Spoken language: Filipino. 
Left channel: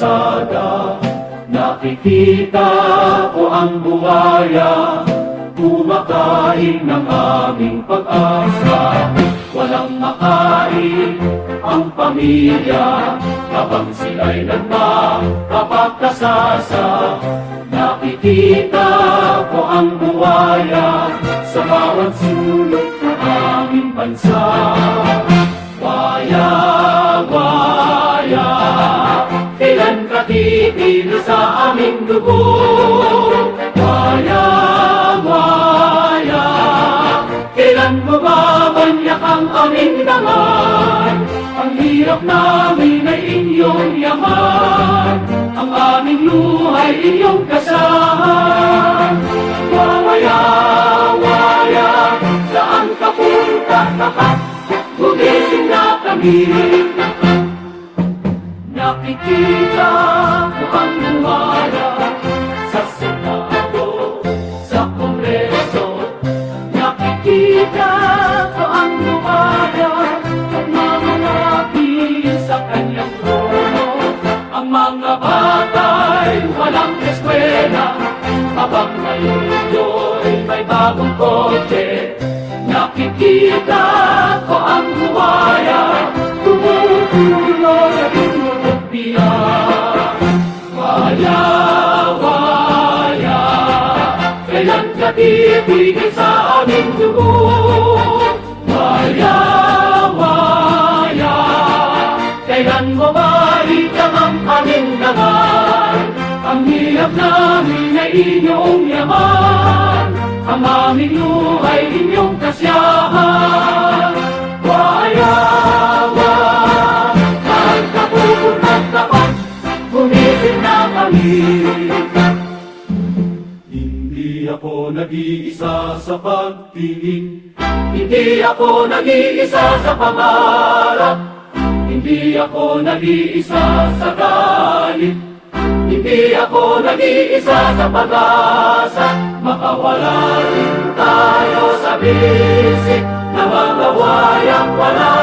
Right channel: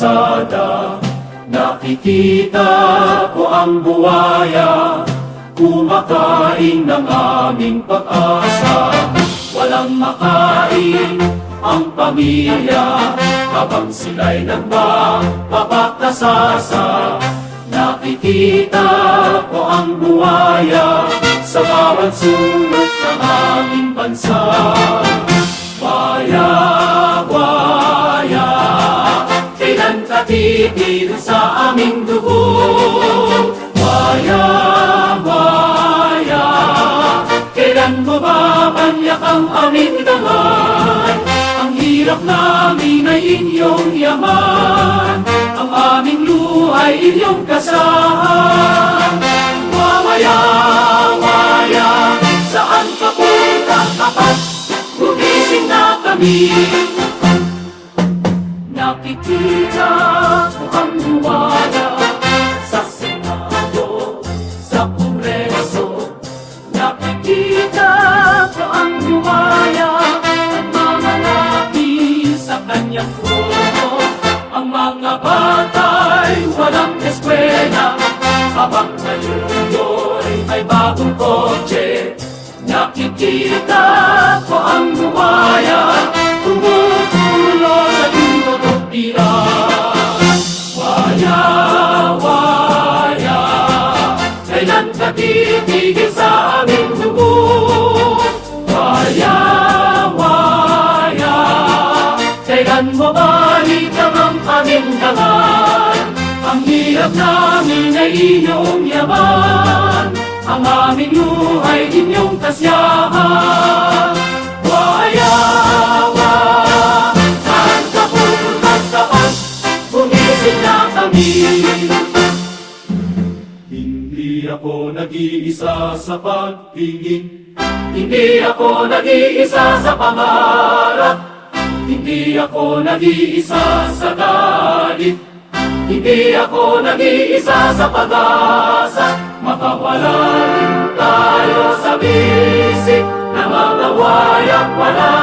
kalsada. Nakikita ko ang buwaya, kumakain ng aming pag-asa. Walang makain ang pamilya habang sila'y nagpapakasasa. Nakikita ko ang buwaya sa bawat sulok ng aming bansa. Waya, waya, kailan ka titigil sa aming dugo? Waya, waya, kailan mo babanyak ang aming dangay? Ang hirap namin ay inyong yaman, ang aming luhay inyong kasahan. Waya, waya, saan ka punta tapat? Gumising na kami. Nakikita ko ang buwaya sa Senado, sa Kongreso. Nakikita ko ang buwaya at mga kapi sa kanyang puno. Ang mga bata'y walang eskwela, habang ngayon may bagong kotse. Nakikita ko ang buwaya, tumutulo sa tumulong diyan. Waya, waya, kailan ka titigil sa aming dugo? Waya, waya, kailan mo balikan ang aming laman? Ang hirap namin ay inyong yaman, ang aming buhay inyong kasiyahan. Waya, waya, saan ka pupunta dapat? Bumising na kami. Hindi ako nag-iisa sa pagtingin, hindi ako nag-iisa sa pangarap, hindi ako nag-iisa sa galit, hindi ako nag-iisa sa pag-asa. Baka wala rin tayo sa bisig na mga wayang wala.